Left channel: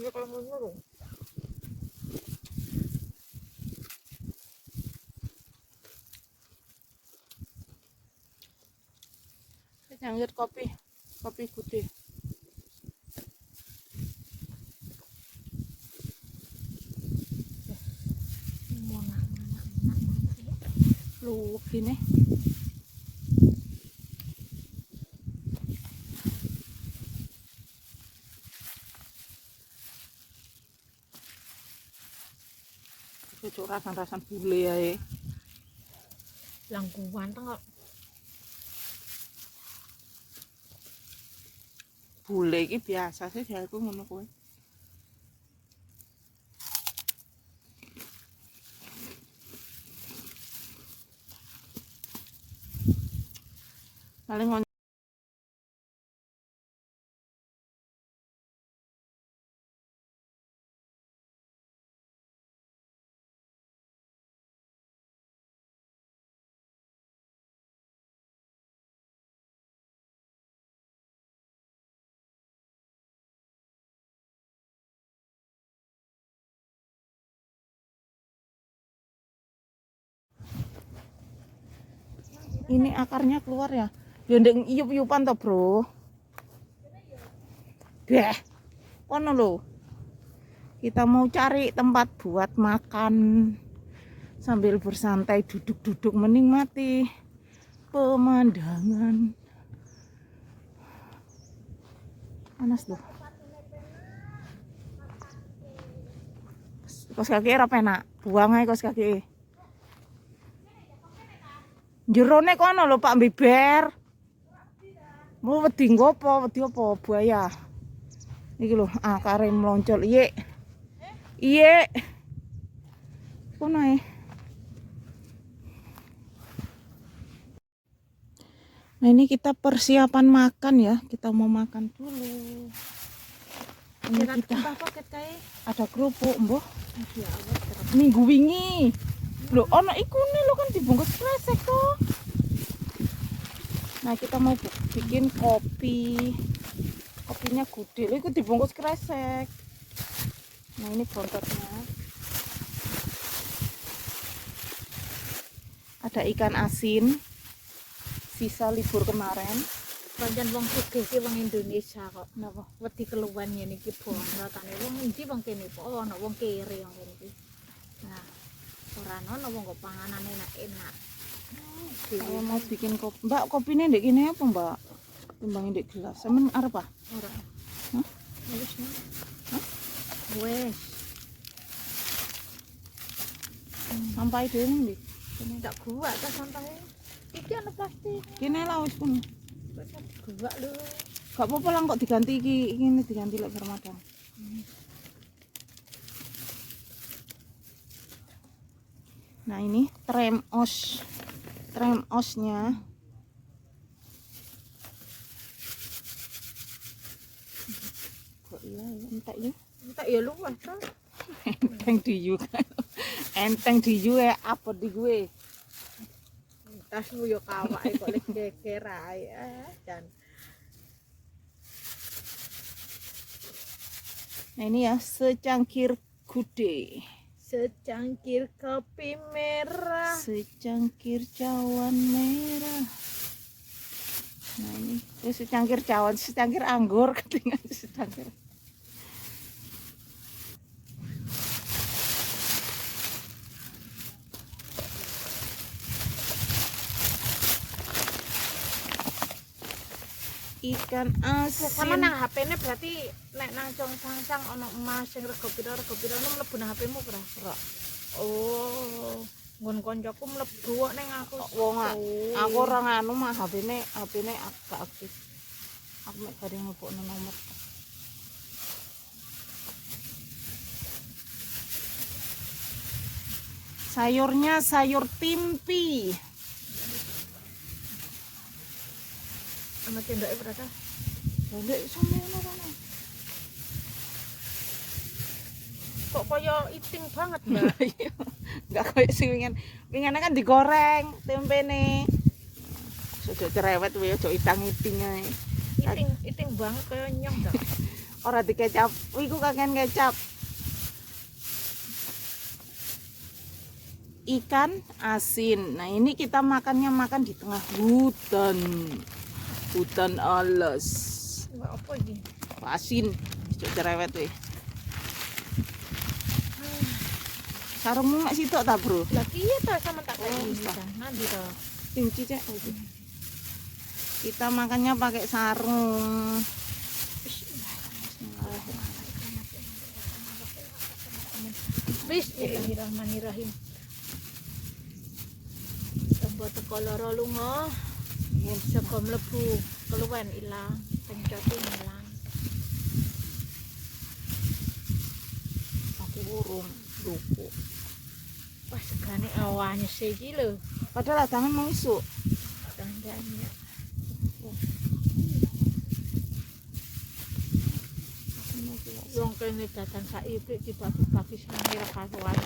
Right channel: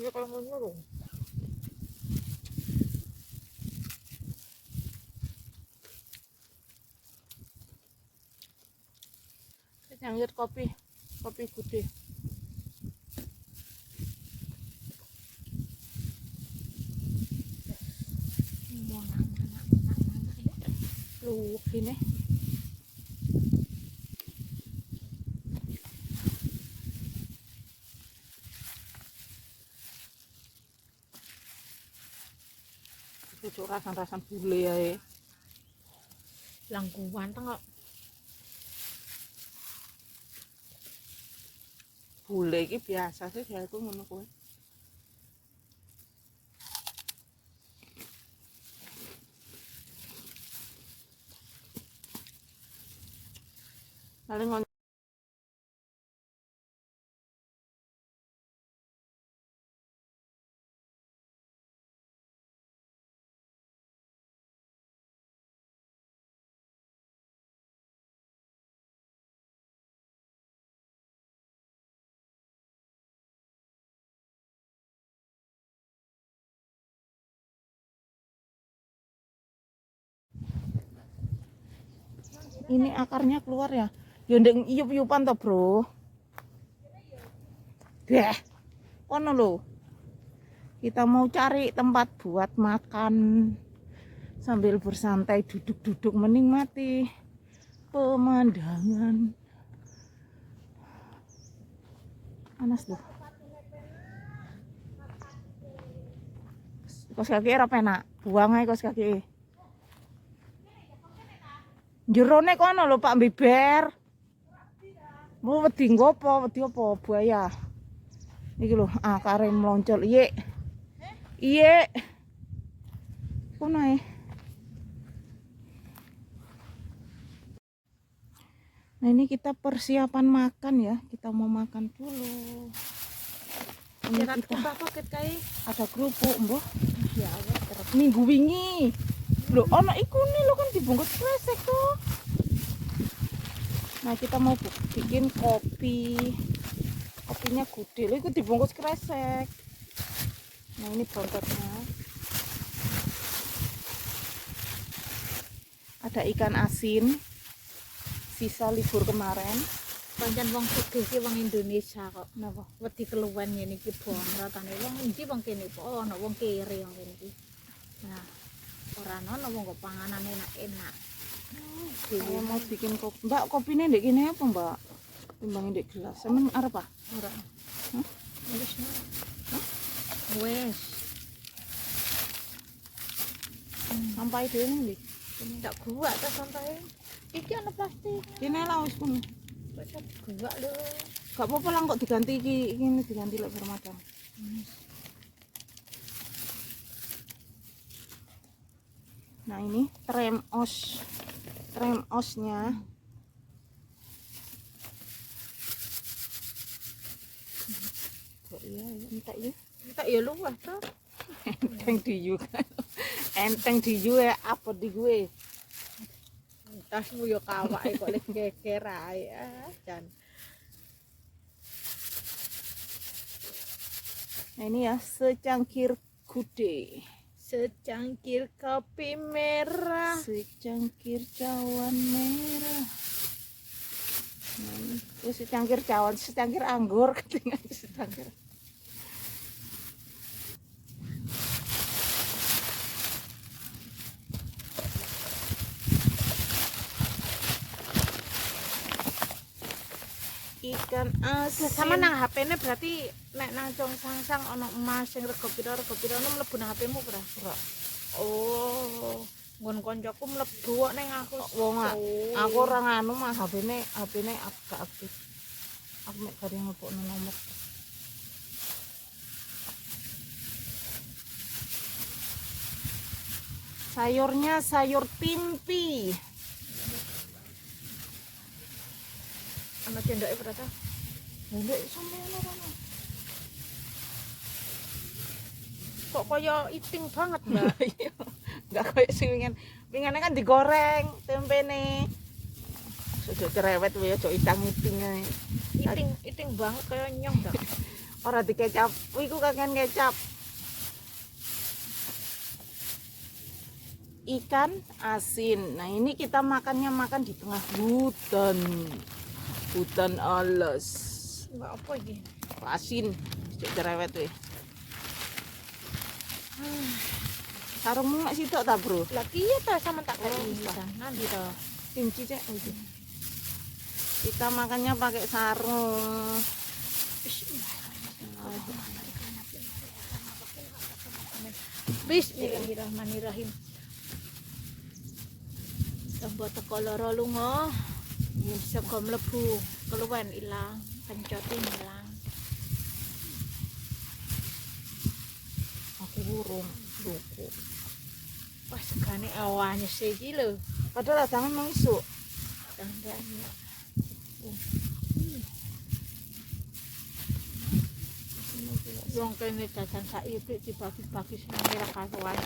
ya kalau ngono lho. Nyangit kopi gede. Lu gini. Itu rasan bule ya. Langkuan kok. Bule iki biasa sih aku ngono kuwi. Paling ini akarnya keluar ya. Ya ndek iyup-iyupan to, Bro. Deh. Kono lho. Kita mau cari tempat buat makan sambil bersantai duduk-duduk menikmati pemandangan. Panas loh. Kos kaki ora penak. Buang ae kos kaki. Jerone kono lho Pak Biber. Mau wedi ngopo? Wedi apa? Buaya. Iki lho, akare mloncol. Iye. Iye. Kono ae. Nah, ini kita persiapan makan ya. Kita mau makan dulu. Ini kita ada kerupuk, Mbah. Ya, minggu wingi. Loh, ana iku nih lo kan dibungkus kresek kok. Nah, kita mau bikin kopi. Kopinya gede. Lho, iku dibungkus kresek. Nah, ini kontraknya. Ada ikan asin. Sisa libur kemarin. Pancen wong sugih ki wong Indonesia kok. Napa? Wedi keluwen ngene iki bangga kan. Wong endi wong kene kok ana wong kere wong kene iki. Nah, ora ana wong kok panganan enak-enak. Saya mau bikin kopi. Mbak, kopinya ndek kene apa, Mbak? Timbang ndek gelas. Sampeyan arep apa? Ora. Hah? Wis. Hah? Wes. Sampai dhewe ndi? Tak gua ta sampai. Iki ana plastik. Kene lah wis pun. Gua lho. Gak apa-apa lah kok diganti iki diganti lek Ramadan. Nah, ini trem osnya. Kok iya entek ya? Entek ya luwih to. Enteng diyu kan. Enteng diyu apa di gue? Tasmu yo kawake kok lek geger ae. Jan. Nah, ini ya secangkir gude. Secangkir kopi merah. Secangkir cawan merah. Nah, ini secangkir cawan, secangkir anggur ketinggalan secangkir. Ikan asin. Sama nang HP-ne berarti nek nang sang ana emas sing rego pira mlebu nang HP-mu ora? Ora. Oh, nggon koncoku mlebu kok ning aku. Wong aku ora nganu mah HP-ne agak aktif. Aku mek bare ngebokno nomor. Sayurnya sayur timpi. Ana cendake berapa? Ndek semono kono. Kok kaya iting banget ya? Enggak kayak sing wingan kan digoreng tempene. Sudah cerewet wae aja itang-iting ae. Iting banget kaya nyong dak. Ora dikecap, iku kakean kecap. Ikan asin. Nah, ini kita makannya makan di tengah hutan. Hutan alas. Enggak apa iki? Asin. Cuk cerewet weh. Sarungmu nek sitok ta, Bro? Lah iya ta sama tak Oh, ini iya. kan. Nanti ta. Cuci cek aja. Kita makannya pakai sarung. Bismillahirrahmanirrahim. Tambah teko loro lunga. Saka mlebu keluwen ilang, pencote ilang. Pakai burung, lupu. Wah, segane awane iki lho. Padahal tangan masuk. Tandane. Wong kene datang sak ibrik dibagi-bagi semua kawan.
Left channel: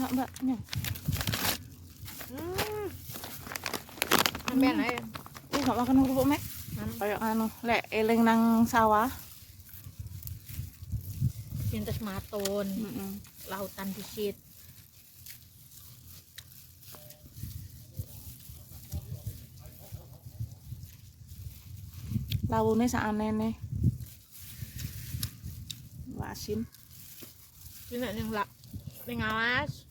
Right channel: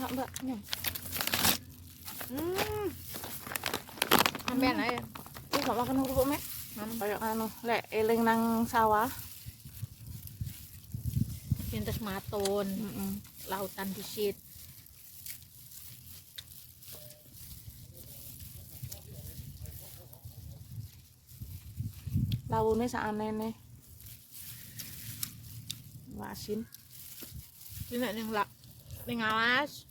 Mbak, nih. Amben ae. Ini gak makan kerupuk, Mek? Kayak anu, lek eling nang sawah. Pintes matun, lautan disit. Lawune saanene. Asin. Iki nek ning alas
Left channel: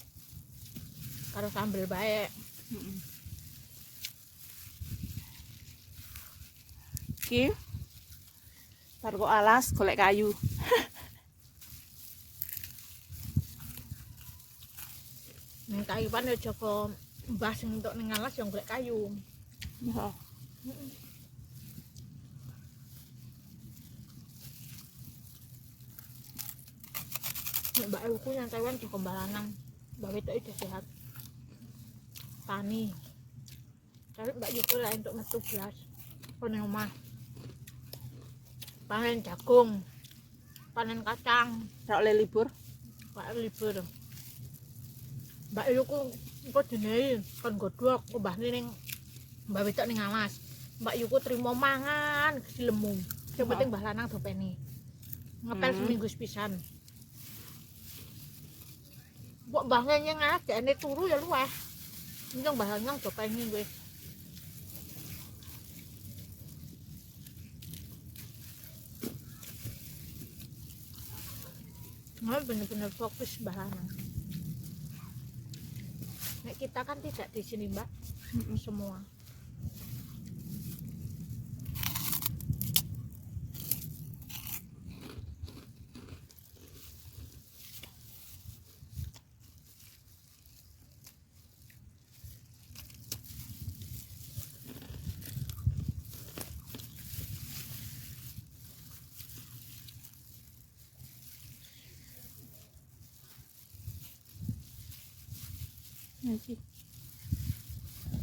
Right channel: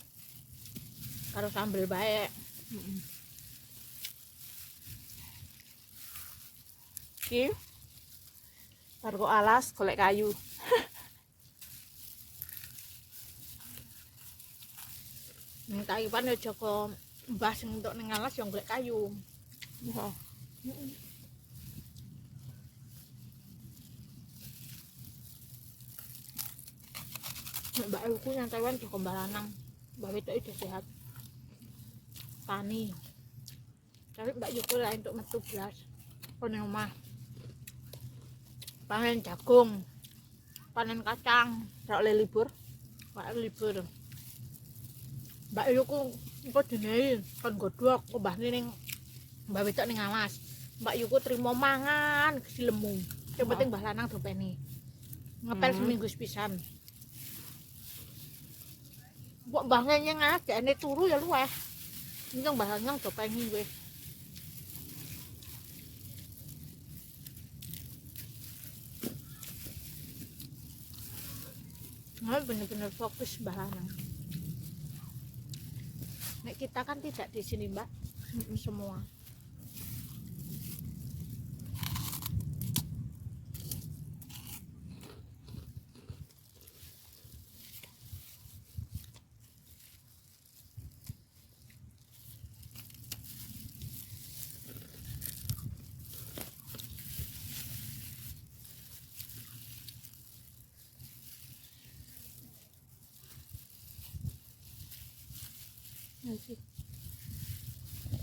karo sambel bae. Iki karo alas golek kayu. Ning kayu pan yo Joko mbah sing entuk ning alas yo golek kayu. Ya. Mbak Luku yang Taiwan Joko Balanang. Mbak Beto itu sehat. Tani. Tapi Mbak Yuku lah untuk metu belas. Panen omah. Panen jagung. Panen kacang. Ora oleh libur. Pak libur. Mbak Yuku engko dinei kon godhog obahne ning Mbak Beto ning alas. Mbak Yuku trimo mangan kesilemu. Sing penting Mbah Lanang dopeni. Ngepel seminggu sepisan. Mbok mbahne nyang alas gane turu ya luweh. Nyang Mbah Lanang dopeni nggih. Nah, benar-benar fokus Mbah Lanang. Nek kita kan tidak di sini, Mbak. Semua.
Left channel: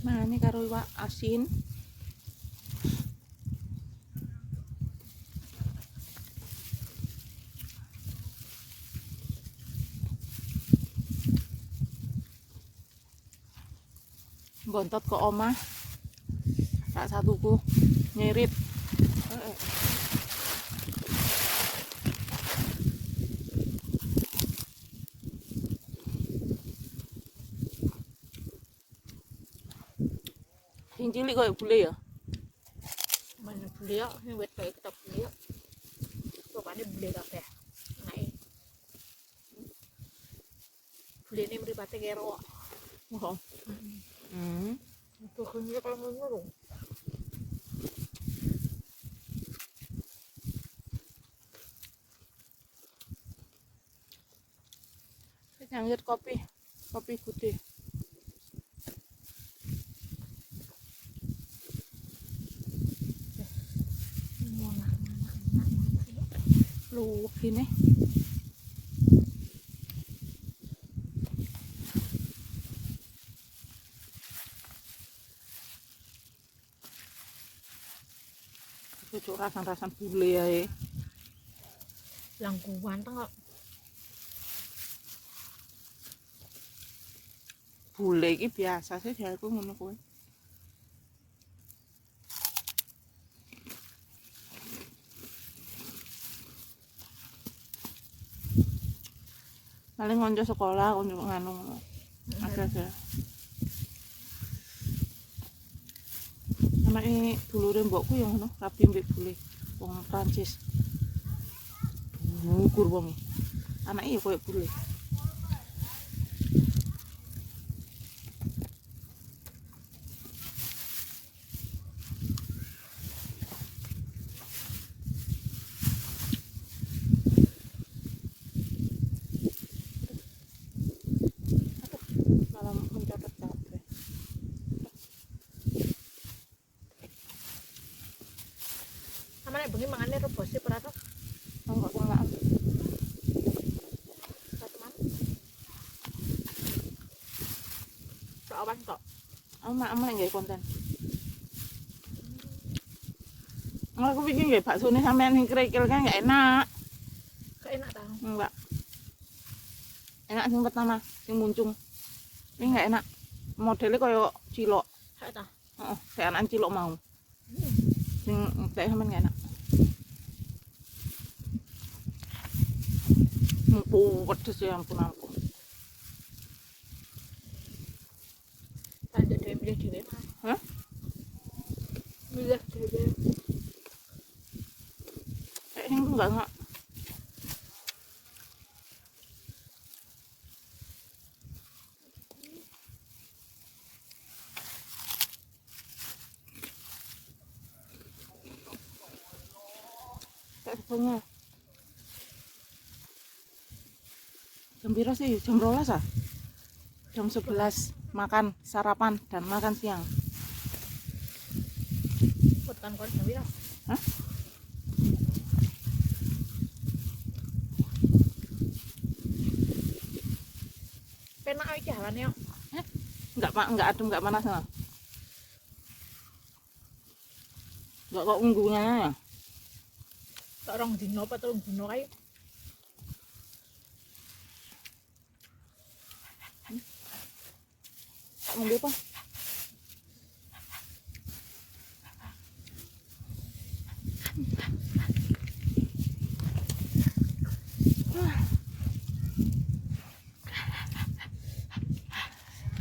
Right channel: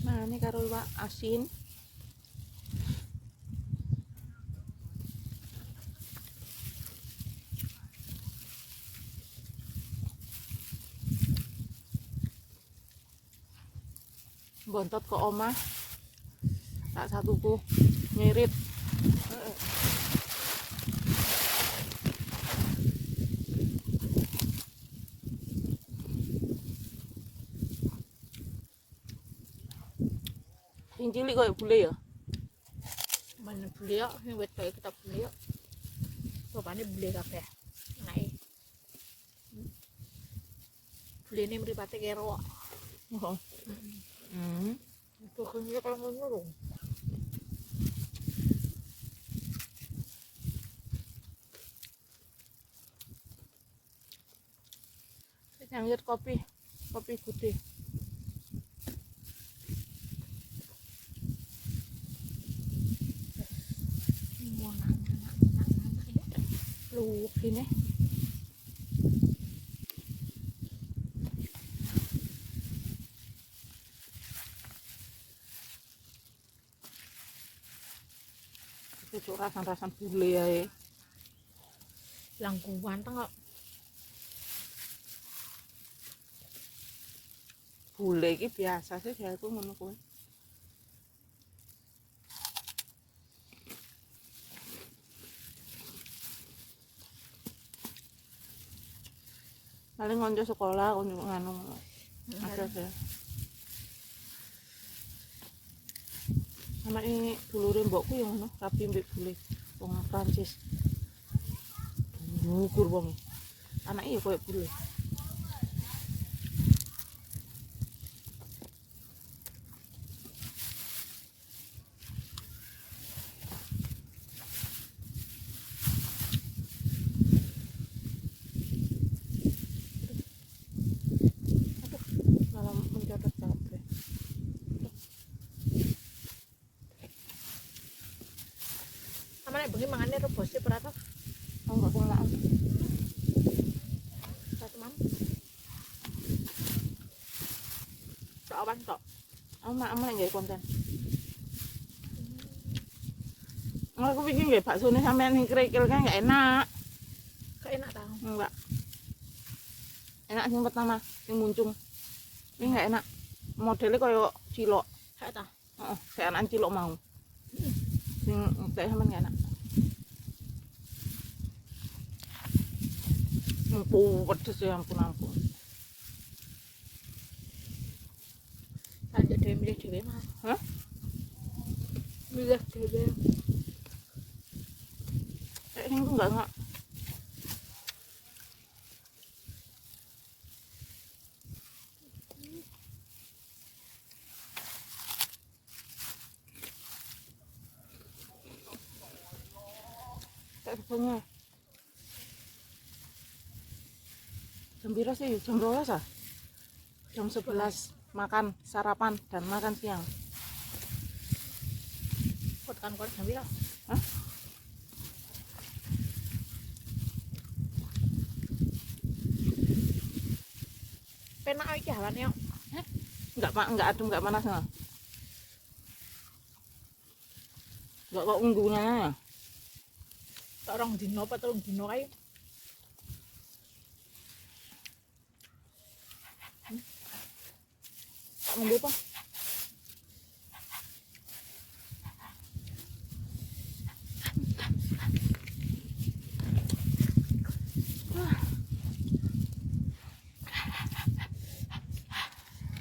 Nah, ini karo iwak asin. Bontot ke omah. Tak satuku nyirit. Sing cilik koyo bule ya. Mana beliau, ini wet kayak kita beliau. Pokoknya beli kabeh. Naik. Beli ini meripati kero. Oh. Pokoknya kalau ngurung. Nyangit kopi putih. Lu gini. Itu rasan bule ya. Langkuan tengok. Bule iki biasa sih jarku ngono kuwi. Paling konco sekolah konco nganu. Oke. Anake dulure mbokku yang ngono, rapi mbek bule wong Prancis. Ngukur wong. Anake koyo bule. Malam mencatat kabeh. Sama nek bengi mangane rebose berapa? Enggak pengelaan. Satu man. Soawan tok. Ama nggak konten. Aku bikin nggak bakso ini sampean yang kerikil kan nggak enak. Kok enak ta? Enggak. Enak yang pertama, yang muncung. Ini nggak enak. Modelnya kayak cilok. Kayak ta? Oh, kayak anak cilok mau. Yang kayak sampean nggak enak. Pedes ya ampun. Ada dhewe mah. Hah? Milih dhewe. Kayak ini enggak. Kayak sebelumnya. Jam berapa sih? Jam 12 ah? Jam 11 makan sarapan dan makan siang. Tekan kon dhewe lah. Hah? Penak iki hawane yo. Enggak adem, enggak panas nggak? Enggak kok unggunya. Orang dino apa telung dino kae. Tak nunggu apa?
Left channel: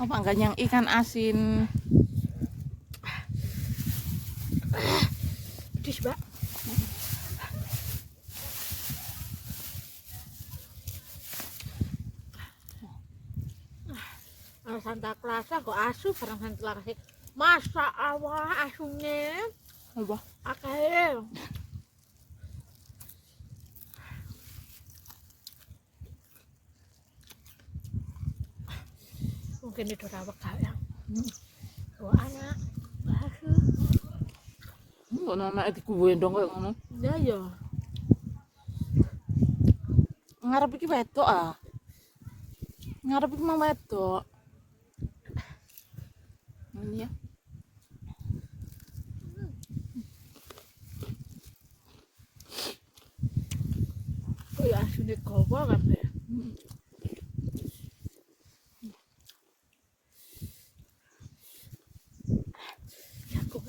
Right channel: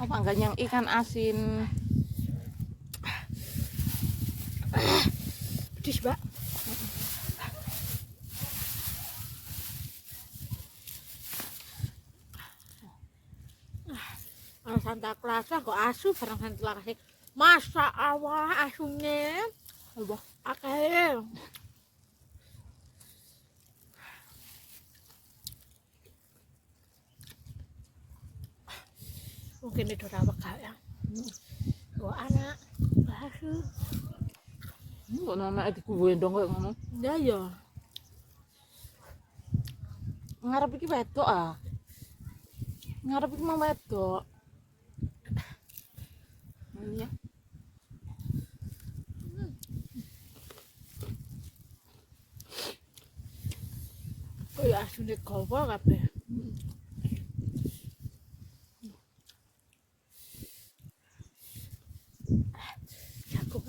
Apa enggak yang ikan asin? Pedes, Mbak. Santa Klasa kok asu barang Santa Klasa. Masa Allah asunya Apa? akeh. Mungkin itu rawak ya. Anak asu. Kok nama itu gendong kayak ngono? Ya ya. Ngarep iki wedok ah. Ngarep iki mau wedok. Ini ya. Kok ya asune gawa kabeh. Jago.